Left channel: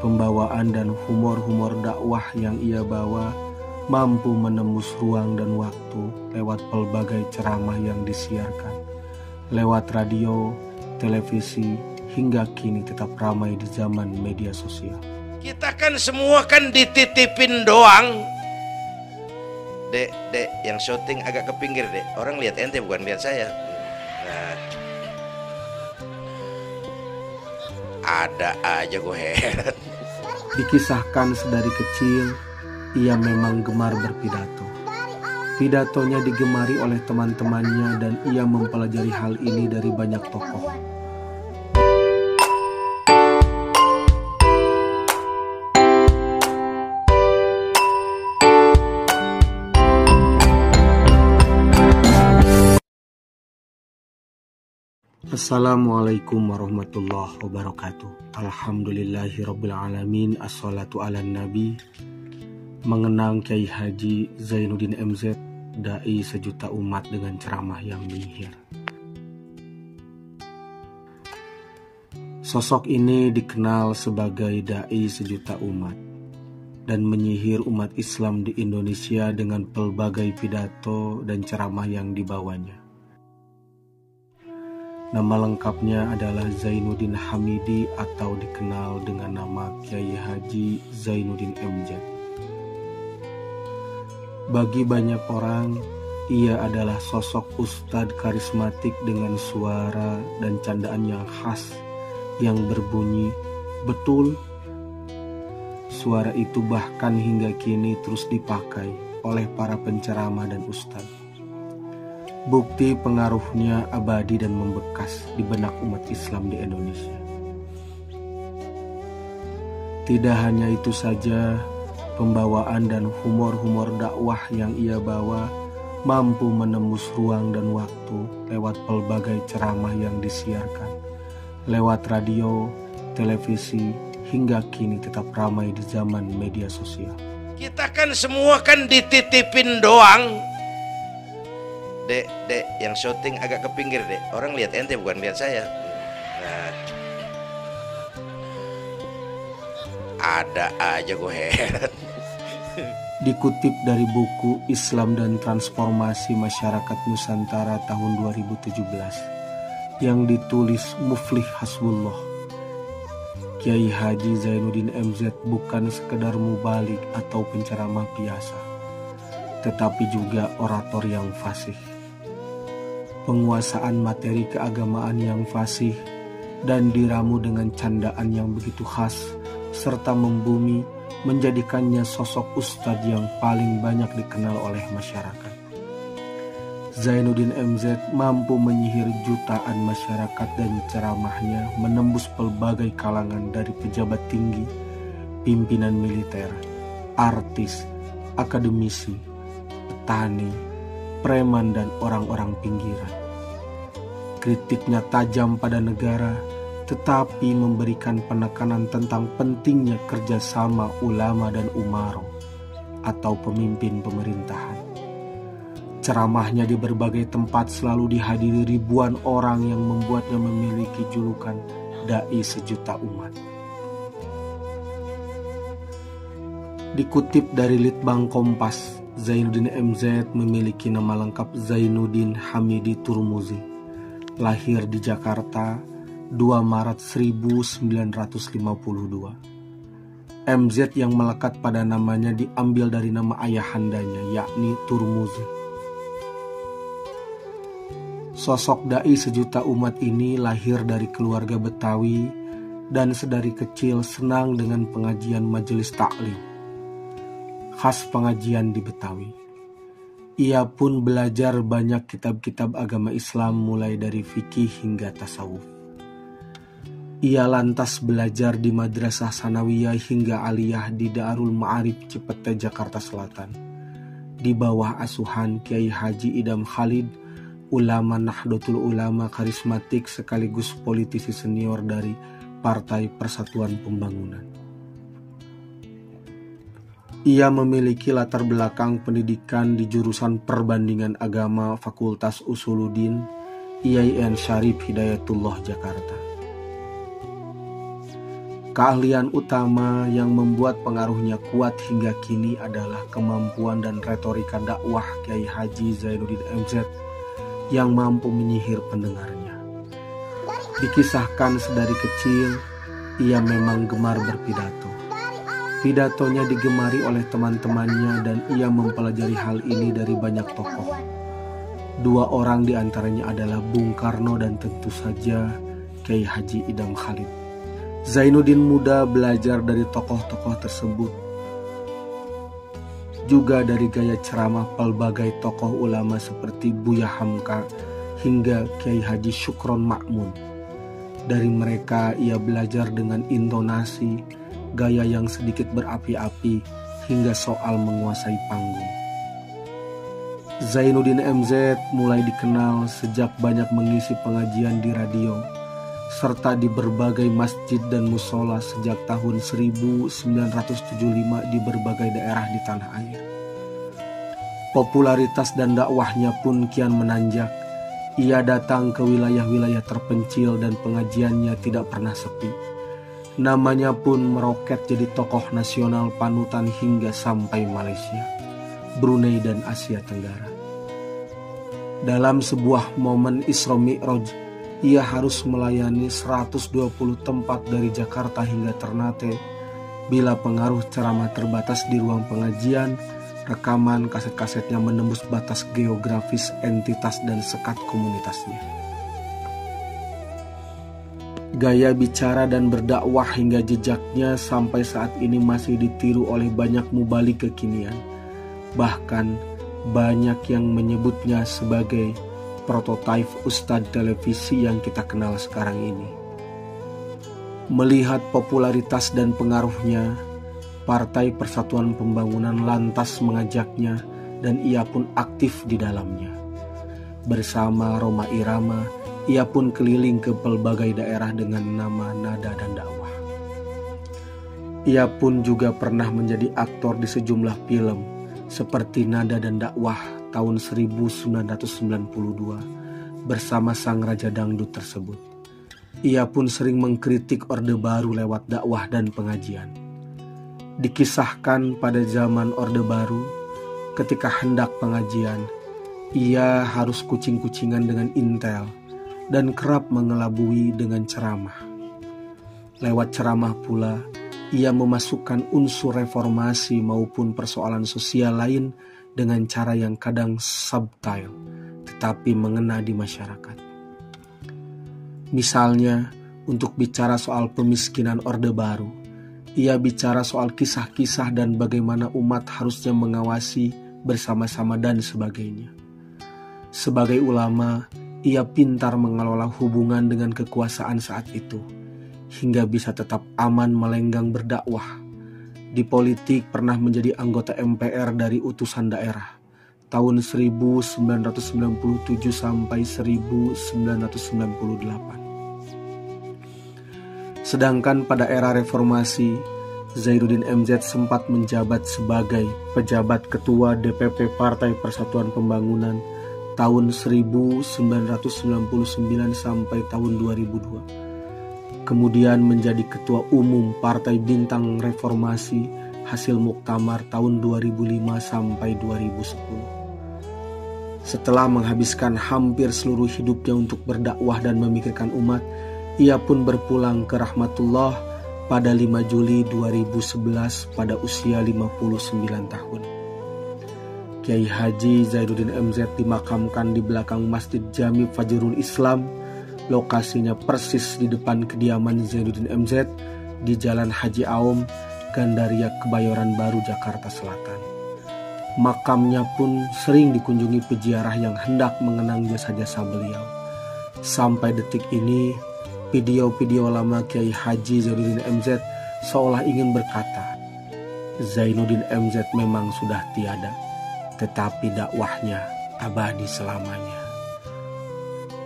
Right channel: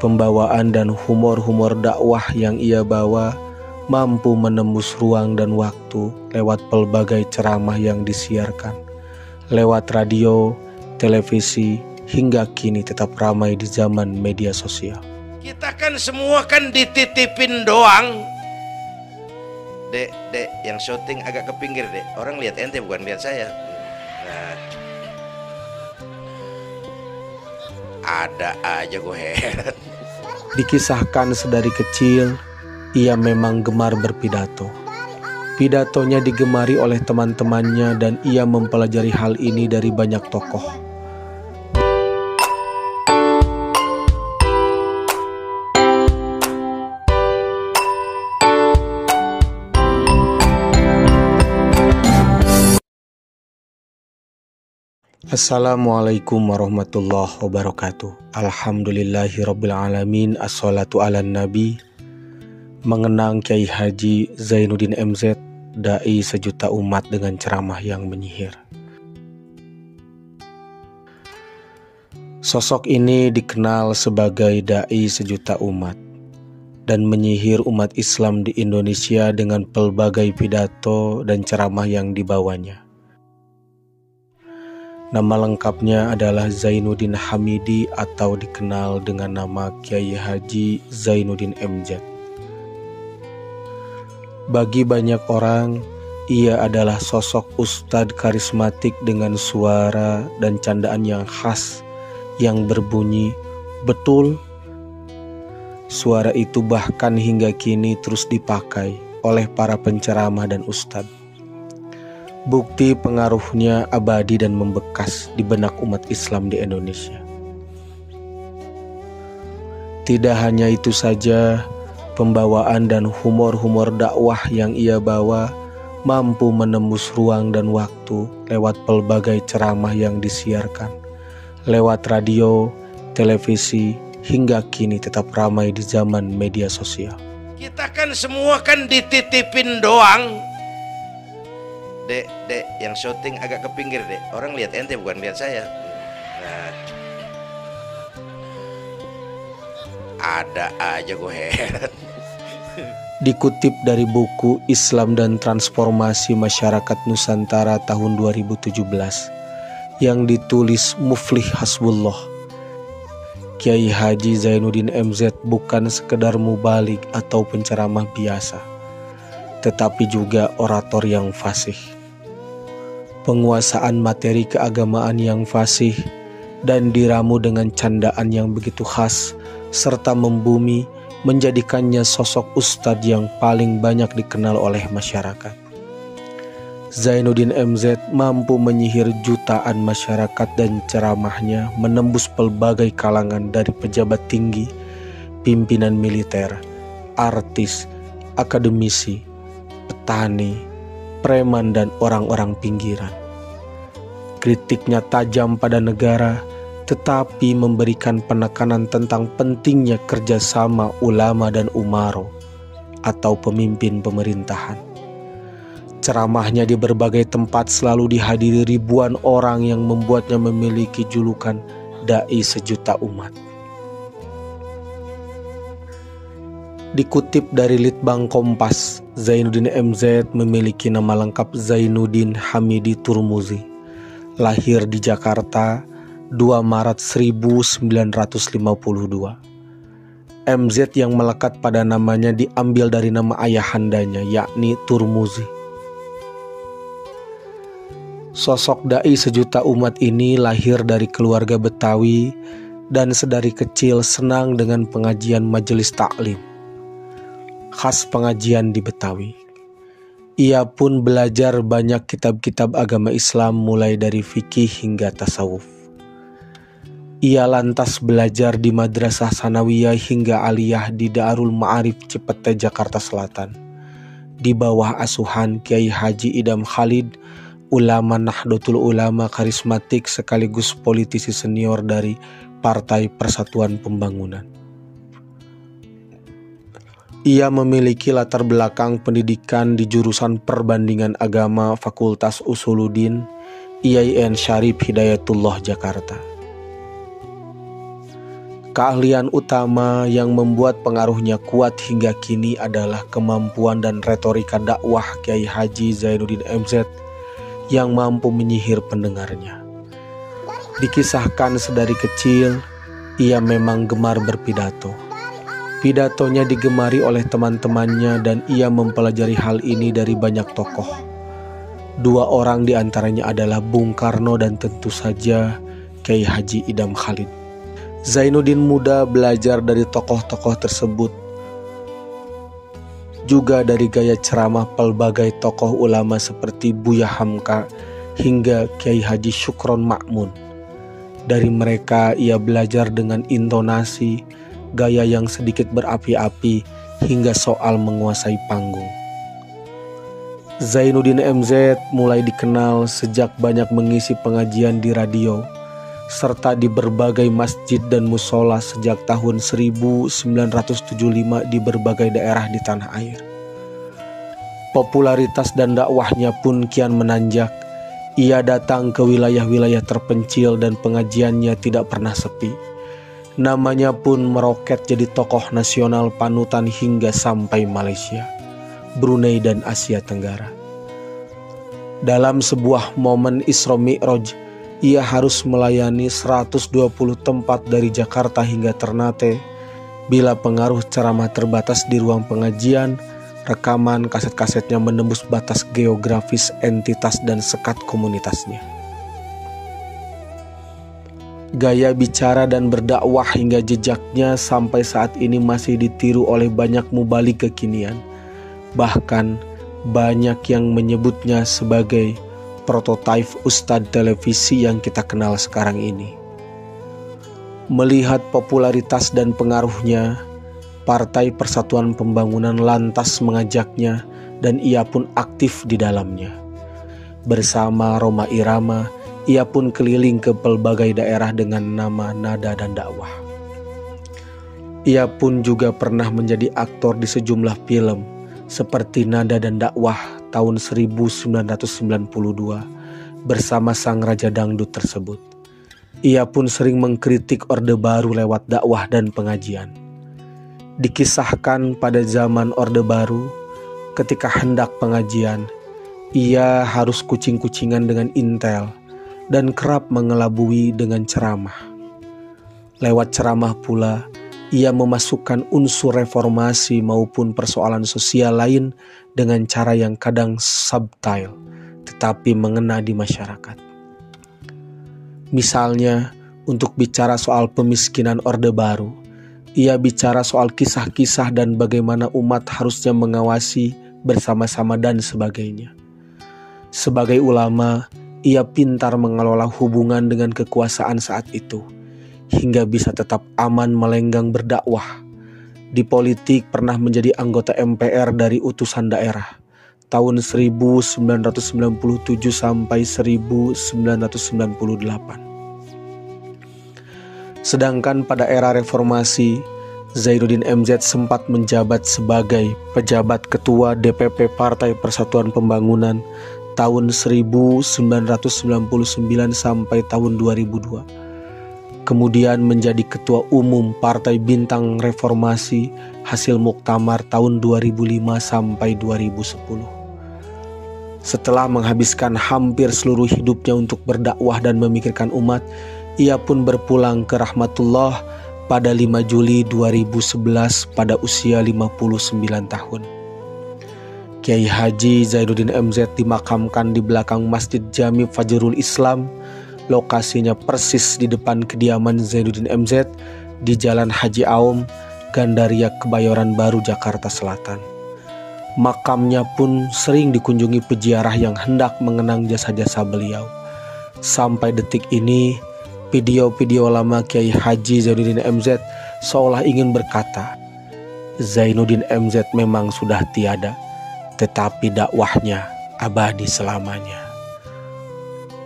Pembawaan dan humor-humor dakwah yang ia bawa mampu menembus ruang dan waktu lewat pelbagai ceramah yang disiarkan, lewat radio, televisi, hingga kini tetap ramai di zaman media sosial. Kita kan semua kan dititipin doang. Dek, yang syuting agak ke pinggir, Dek. Orang lihat ente bukan lihat saya. Nah, ada aja gue heran. Dikisahkan sedari kecil, ia memang gemar berpidato. Pidatonya digemari oleh teman-temannya dan ia mempelajari hal ini dari banyak tokoh. Assalamualaikum warahmatullahi wabarakatuh. Alhamdulillahirrabbilalamin. Assalatu ala nabi. Mengenang Kiai Haji Zainuddin MZ, dai sejuta umat dengan ceramah yang menyihir. Sosok ini dikenal sebagai dai sejuta umat dan menyihir umat Islam di Indonesia dengan pelbagai pidato dan ceramah yang dibawanya. Nama lengkapnya adalah Zainuddin Hamidi atau dikenal dengan nama Kiai Haji Zainuddin MZ. Bagi banyak orang, ia adalah sosok ustadz karismatik dengan suara dan candaan yang khas yang berbunyi betul. Suara itu bahkan hingga kini terus dipakai oleh para penceramah dan ustadz. Bukti pengaruhnya abadi dan membekas di benak umat Islam di Indonesia. Tidak hanya itu saja, pembawaan dan humor-humor dakwah yang ia bawa mampu menembus ruang dan waktu lewat pelbagai ceramah yang disiarkan, lewat radio, televisi, hingga kini tetap ramai di zaman media sosial. Kita kan semua kan dititipin doang. Dek, yang syuting agak ke pinggir, Dek. Orang lihat ente bukan lihat saya. Nah, ada aja gue heran. Dikutip dari buku Islam dan Transformasi Masyarakat Nusantara tahun 2017 yang ditulis Muflih Hasbullah, Kiai Haji Zainuddin MZ bukan sekedar mubalik atau penceramah biasa, tetapi juga orator yang fasih. Penguasaan materi keagamaan yang fasih dan diramu dengan candaan yang begitu khas serta membumi menjadikannya sosok ustadz yang paling banyak dikenal oleh masyarakat. Zainuddin MZ mampu menyihir jutaan masyarakat dan ceramahnya menembus pelbagai kalangan dari pejabat tinggi, pimpinan militer, artis, akademisi, petani, preman dan orang-orang pinggiran. Kritiknya tajam pada negara, tetapi memberikan penekanan tentang pentingnya kerjasama ulama dan umaro atau pemimpin pemerintahan. Ceramahnya di berbagai tempat selalu dihadiri ribuan orang yang membuatnya memiliki julukan dai sejuta umat. Dikutip dari Litbang Kompas, Zainuddin MZ memiliki nama lengkap Zainuddin Hamidi Turmuzi. Lahir di Jakarta 2 Maret 1952. MZ yang melekat pada namanya diambil dari nama ayahandanya, yakni Turmuzi. Sosok dai sejuta umat ini lahir dari keluarga Betawi dan sedari kecil senang dengan pengajian majelis taklim, khas pengajian di Betawi. Ia pun belajar banyak kitab-kitab agama Islam mulai dari fikih hingga tasawuf. Ia lantas belajar di Madrasah Sanawiyah hingga Aliyah di Darul Ma'arif Cipete, Jakarta Selatan, di bawah asuhan Kiai Haji Idam Khalid, ulama Nahdlatul Ulama karismatik sekaligus politisi senior dari Partai Persatuan Pembangunan. Ia memiliki latar belakang pendidikan di jurusan Perbandingan Agama Fakultas Usuluddin IAIN Syarif Hidayatullah Jakarta. Keahlian utama yang membuat pengaruhnya kuat hingga kini adalah kemampuan dan retorika dakwah Kiai Haji Zainuddin MZ yang mampu menyihir pendengarnya. Dikisahkan sedari kecil, ia memang gemar berpidato. Pidatonya digemari oleh teman-temannya dan ia mempelajari hal ini dari banyak tokoh. 2 orang diantaranya adalah Bung Karno dan tentu saja Kiai Haji Idham Khalid. Zainuddin muda belajar dari tokoh-tokoh tersebut, juga dari gaya ceramah pelbagai tokoh ulama seperti Buya Hamka hingga Kiai Haji Syukron Ma'mun. Dari mereka ia belajar dengan intonasi, gaya yang sedikit berapi-api hingga soal menguasai panggung. Zainuddin MZ mulai dikenal sejak banyak mengisi pengajian di radio serta di berbagai masjid dan musola sejak tahun 1975 di berbagai daerah di tanah air. Popularitas dan dakwahnya pun kian menanjak. Ia datang ke wilayah-wilayah terpencil dan pengajiannya tidak pernah sepi. Namanya pun meroket jadi tokoh nasional panutan hingga sampai Malaysia, Brunei dan Asia Tenggara. Dalam sebuah momen Isra Mi'raj, ia harus melayani 120 tempat dari Jakarta hingga Ternate. Bila pengaruh ceramah terbatas di ruang pengajian, rekaman kaset-kasetnya menembus batas geografis entitas dan sekat komunitasnya. Gaya bicara dan berdakwah hingga jejaknya sampai saat ini masih ditiru oleh banyak mubalik kekinian. Bahkan banyak yang menyebutnya sebagai prototipe Ustadz televisi yang kita kenal sekarang ini. Melihat popularitas dan pengaruhnya, Partai Persatuan Pembangunan lantas mengajaknya dan ia pun aktif di dalamnya. Bersama Rhoma Irama, ia pun keliling ke pelbagai daerah dengan nama, nada, dan dakwah. Ia pun juga pernah menjadi aktor di sejumlah film seperti Nada dan Dakwah tahun 1992 bersama sang Raja Dangdut tersebut. Ia pun sering mengkritik Orde Baru lewat dakwah dan pengajian. Dikisahkan pada zaman Orde Baru, ketika hendak pengajian, ia harus kucing-kucingan dengan intel dan kerap mengelabui dengan ceramah. Lewat ceramah pula, ia memasukkan unsur reformasi maupun persoalan sosial lain dengan cara yang kadang subtle tetapi mengena di masyarakat. Misalnya, untuk bicara soal pemiskinan Orde Baru, ia bicara soal kisah-kisah dan bagaimana umat harusnya mengawasi bersama-sama dan sebagainya. Sebagai ulama, ia pintar mengelola hubungan dengan kekuasaan saat itu hingga bisa tetap aman melenggang berdakwah. Di politik pernah menjadi anggota MPR dari utusan daerah tahun 1997 sampai 1998. Sedangkan pada era reformasi, Zainuddin MZ sempat menjabat sebagai pejabat ketua DPP Partai Persatuan Pembangunan tahun 1999 sampai tahun 2002. Kemudian menjadi Ketua Umum Partai Bintang Reformasi hasil Muktamar tahun 2005 sampai 2010. Setelah menghabiskan hampir seluruh hidupnya untuk berdakwah dan memikirkan umat, ia pun berpulang ke rahmatullah pada 5 Juli 2011 pada usia 59 tahun. Kiai Haji Zainuddin MZ dimakamkan di belakang Masjid Jami Fajrul Islam. Lokasinya persis di depan kediaman Zainuddin MZ di Jalan Haji Aom, Gandaria, Kebayoran Baru, Jakarta Selatan. Makamnya pun sering dikunjungi peziarah yang hendak mengenang jasa-jasa beliau. Sampai detik ini, video-video lama Kiai Haji Zainuddin MZ seolah ingin berkata, Zainuddin MZ memang sudah tiada, tetapi dakwahnya abadi selamanya.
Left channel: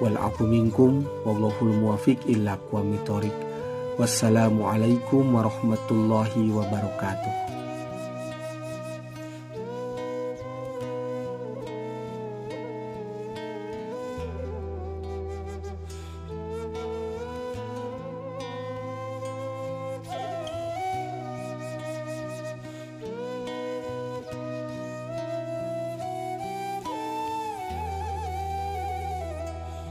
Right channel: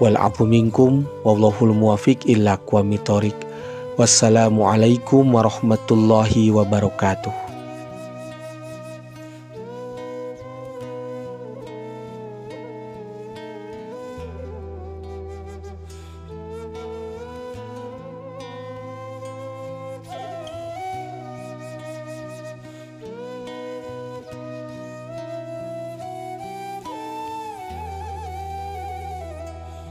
Wal'afu minkum wallahul muwafiq illa aqwamit thoriq. Wassalamualaikum warahmatullahi wabarakatuh.